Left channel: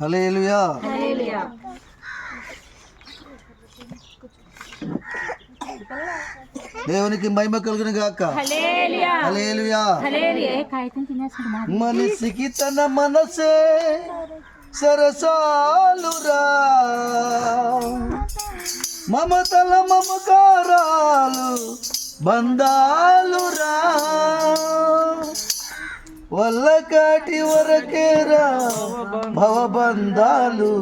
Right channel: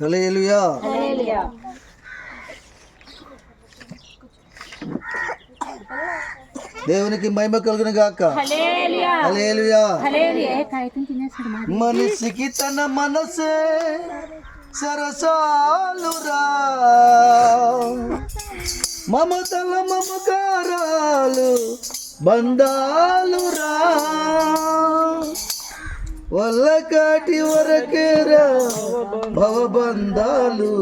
హల్లెలూయా. దేవునికి మహిమ కలుగును గాక. హల్లెలూయా. మనిషికి తన మనసే సరసాలురా, మమతల మమకారాలు బంధాలురా, వల్లకాటి వరకేరా భవబంధాలు,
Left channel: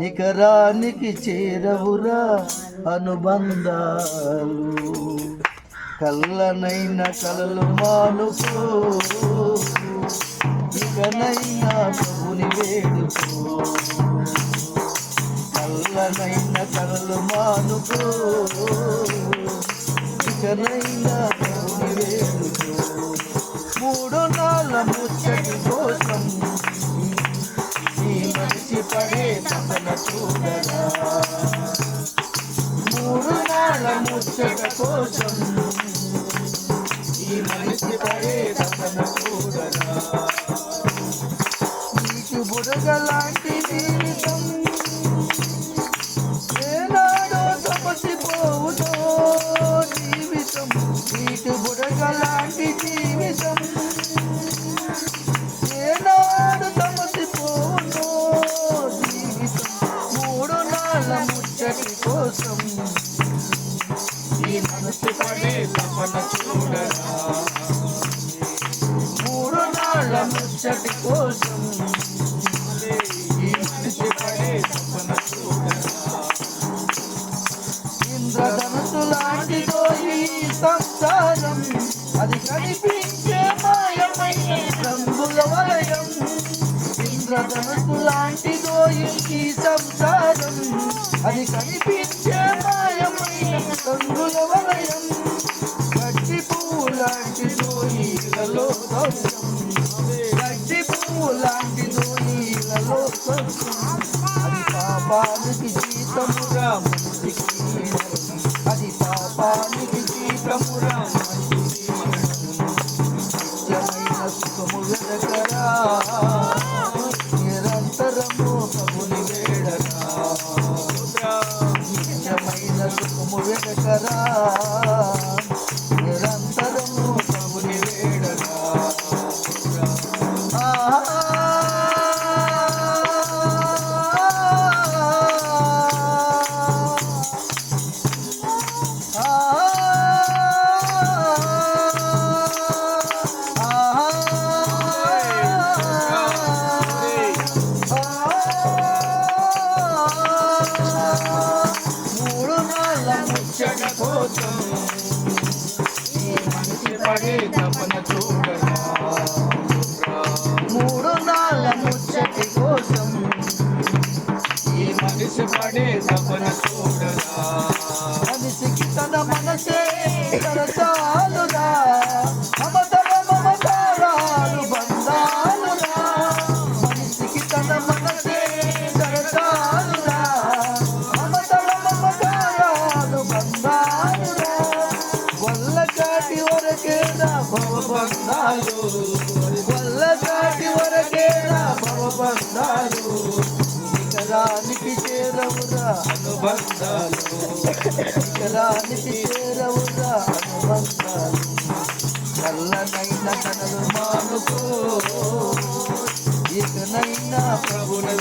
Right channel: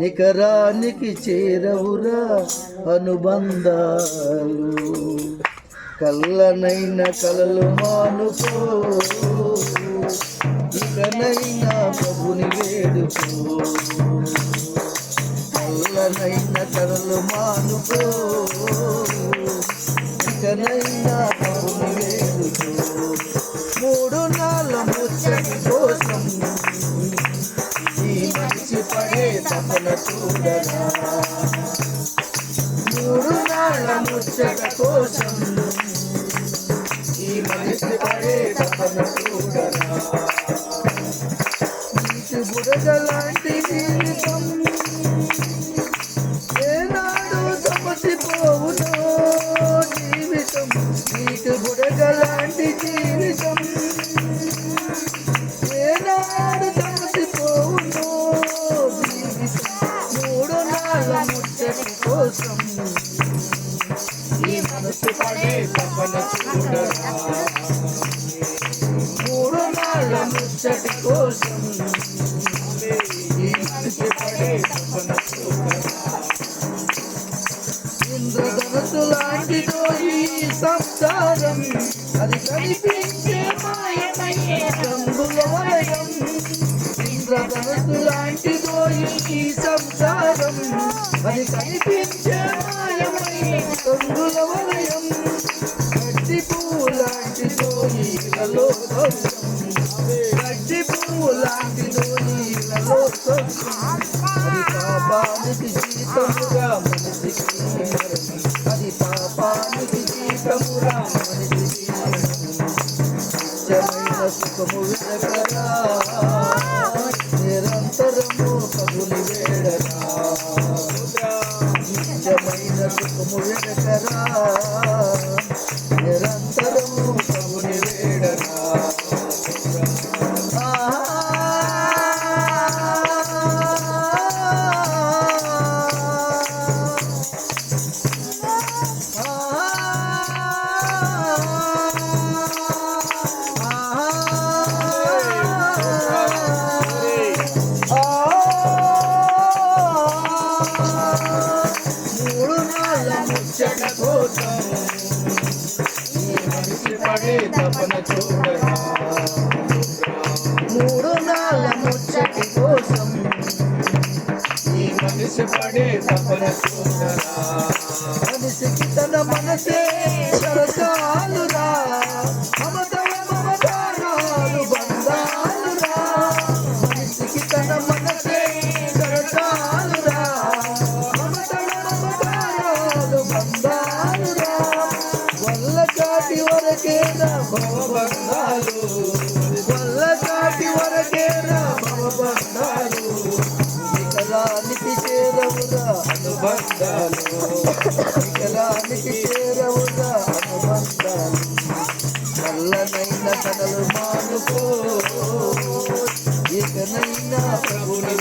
నికరానికి చేరవురా అనుబంధాలు. కళ్ళనైన కలలు మానుకో, ఇకనైనా ప్రభుని వేడుకో. కళ్ళనైన కలలు మానుకో, ఇకనైనా ప్రభుని వేడుకో. మూడు నాళ్ళ ముచ్చటి కోసం ఈ మనిషి పడే తపన చూడరా. మూడు నాళ్ళ ముచ్చట కోసం ఈ మనిషి పడే తపన చూడరా. నీకు బుడగలాంటి జీవితం ఏనాడో సమసిపోవును జీవితం. నీకు బుడగలాంటి జీవితం ఏనాడు సమసిపోవును జీవితం. మూడు నాళ్ళ ముచ్చటి కోసం ఈ మనసు పడే తపన చూడరా. మూడు నాళ్ళ ముచ్చటి కోసం ఈ మనసు పడే తపన చూడరా. ఇంద్రధనుసు లాంటిదో ఈ సంసారం, అది కనిపించే మాయమయ్యే రంగుల వలయం. ఇంద్రధనుసు లాంటిదో ఈ సంసారం, అది కనిపించే మాయమయ్యే రంగుల వలయం. గడ్డి పువ్వు లాంటిదో ఈలలో దోషం, గడ్డి పువ్వు లాంటిదో ఈలలో దోషం. అది పాపానికి జీతముగా మనిషికి, అది పాపానికి జీతముగా మనిషికి. నిత్యమైన సుఖము వెనకరా, నిరంతరము ప్రభుని వేడరా. నిత్యమైన సుఖము వెనకరా, నిరంతరము ప్రభుని వేడరా. ముచ్చట కోసం ఈ మనిషి పడే తపన చూడరా. మూడు నాళ్ళ ముచ్చటి కోసం ఈ మనిషి పడే తపన చూడరా. మనిషికి తన మనసే సరసాలురా, మమతల మమకారాలు బంధాలురా. మనిషికి తన మనసే సరసాలురా, మమతల మమకారాలు బంధాలురా, వల్లకాటి వరకేరా భవబంధాలు, వల్లకాటి వరకేరా భవబంధాలు, నికరానికి చేరవురా అనుబంధాలు, నికరానికి చేరవురా అనుబంధాలు. నల్లనైన కనలు మానుకో, ఇకనైనా ప్రభుని